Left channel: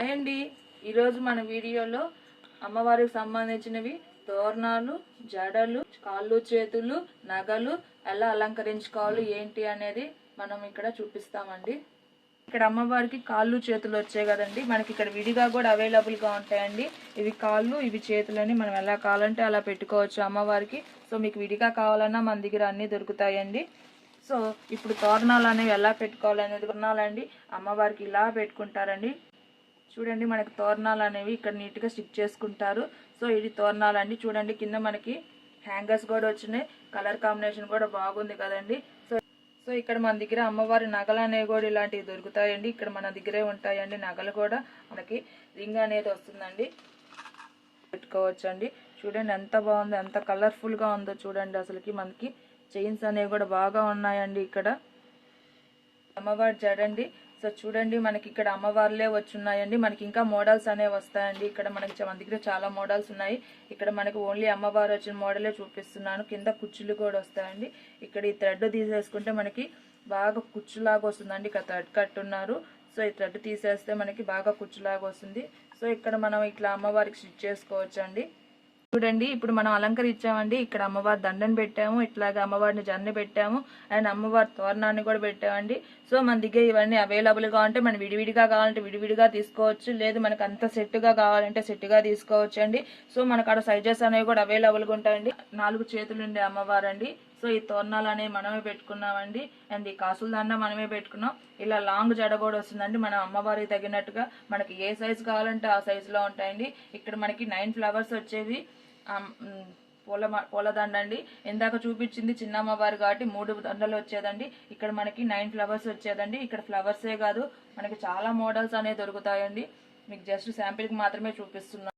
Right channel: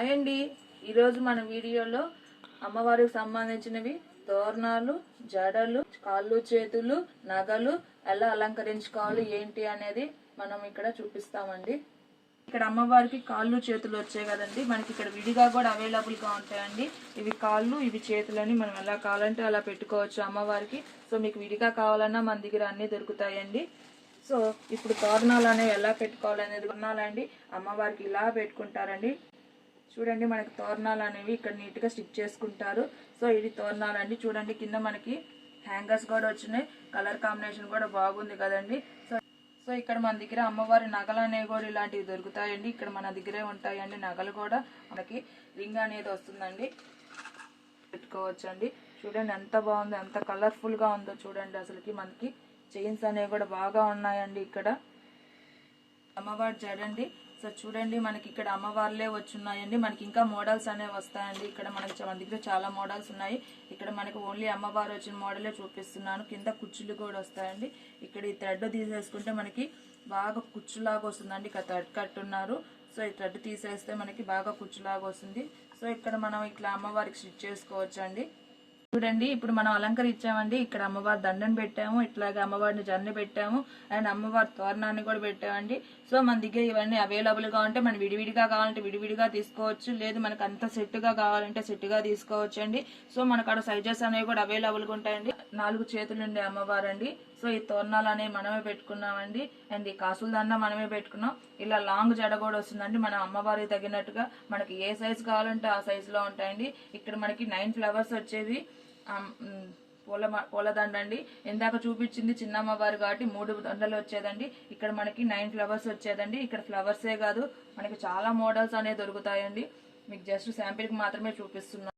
అయ్యండి ఈరోజు మన వీడియోలో అమ్మవారికి సంబంధించినవి తోరణాలు, జడలు, కాళ్ళు చేతులు, నగలు ఎలా అలంకరించుకోవాలి ఏంటి అనేది మనం ఇక్కడ చూపిస్తామండి. ఇక్కడ అమ్మవారికి కాళ్ళు చేతులు వచ్చాయి కదండి, మనకి ఇక్కడ విడిగా కూడా అవైలబుల్ గా ఉంటాయండి. ఇవి కాళ్ళు, ఇవి చేతులని మనం ఎలా కావాలంటే అలా పెట్టుకోవచ్చు అమ్మవారికి. సో మీకు విడిగా కావాలన్నా మన దగ్గర అన్ని దొరుకుతాయండి. సో ఇప్పుడు తోరణాలు అనేవి ఎలా పెట్టుకోవాలి అనేది తోరణాలండి అమ్మవారికి ఇలా పెట్టుకుంటారండి. చూడండి మనకి తోరణాలు అనేవి ఇక్కడ నీట్ గా స్టిక్ చేసుకుంటారు. సో ఇది తోరణాలు అండి. చూడండి కింద మనకి హ్యాంగర్స్ కూడా వచ్చినాయి, కలర్ కాంబినేషన్ కూడా బాగుంది కదండి. సో ఇక్కడ మన దగ్గర అమ్మవారి నగలు అనేవి కూడా ఇలాంటివి దొరుకుతాయండి. ఇక్కడ మన దగ్గరే ఉంటాయండి నగలు కూడా. మనకి రింగ్ అనేది వస్తుందండి, పెట్టుకోవచ్చండి. చూడండి ఎంత బాగుందో, ఎంత కలర్ఫుల్ గా ఉందో చూడండి. అసలుకి మనకి చైన్స్ అనేవి కూడా బాగా ఉన్నాయండి. ఇక్కడ అమ్మవారి జడండి. సో చూడండి మనకి ఇక్కడ అమ్మవార్లే వచ్చున్నాయండి. మనకి ఇంకా మోడల్స్ అనేవి వస్తాయండి. ఇక్కడ మనకి మన దగ్గర చాలా మోడల్స్ ఉన్నాయి. ఇక్కడ మనకి ఓన్లీ అమ్మవారు వచ్చిన మోడలే చూపిస్తున్నాను. కింద కుచ్చులు కూడా వస్తాయండి. ఇక్కడ ఈ థ్రెడ్ తీసేసుకుంటే మనకి బాగా కుచ్చులాగా వస్తుందండి. ఇక్కడ థ్రెడ్ కట్టున్నారు. సో ఈ థ్రెడ్ తీసేస్తే మనకి బాగా కుచ్చులాగా వస్తుంది. సో ఇక్కడ మనం ఇట్లా అమ్మవారికి స్టిచ్ చేసుకోవచ్చు అండి. చూడండి ఇప్పుడు మనం అలంకరించామండి. ఇక్కడ అమ్మవారి దండను పెట్టాము, ఇట్లాగా అమ్మవారిని జన్ని పెట్టాము, అండ్ అమ్మవారి తోరణాన్ని కూడా పెట్టామండి. సో మన దగ్గర ఇవన్నీ అవైలబుల్ గా ఉంటే మనం విడివిడిగా కావాలంటే విడివిడిగా తీసుకోవచ్చు, లేదు మనకు అంత సెట్ గా కావాలంటే సెట్ గా తీసుకోవచ్చు అండి. సో మనకు అక్కడ సైజెస్ అనేవి కూడా అవైలబుల్ గా ఉంటాయండి. 4 చేతులు ఉండే అమ్మవారు అండి. సో ఈ తోరణాలు అనేవి మనమే పెట్టుకున్నామండి. అండ్ ఈ కాసుల దండ మనమే పెట్టుకున్నాం. ఇలా లాంగ్ జడ కూడా వస్తుందండి. మనం అమ్మవారికి తగినట్టుగా మనకి ఏ సైజ్ కావాలంటే ఆ సైజ్ లో ఉంటాయండి. ఇక్కడ మనకి 9 ఫ్లవర్స్ వచ్చేది పూలదండ అండి. ఇందాక చూపించింది చిన్న అమ్మవారు కాబట్టి 3 దండలు వచ్చేదండి. ఇక్కడ మనకి 9 ఫ్లవర్స్ వచ్చేదండి. ఇక్కడ ఫ్లవర్సే కాదు మనకి చాలా మోడల్స్ అనేవి దొరుకుతాయండి. మీకు జస్ట్ శాంపిల్ కి మాత్రమే చూపిస్తున్నాం.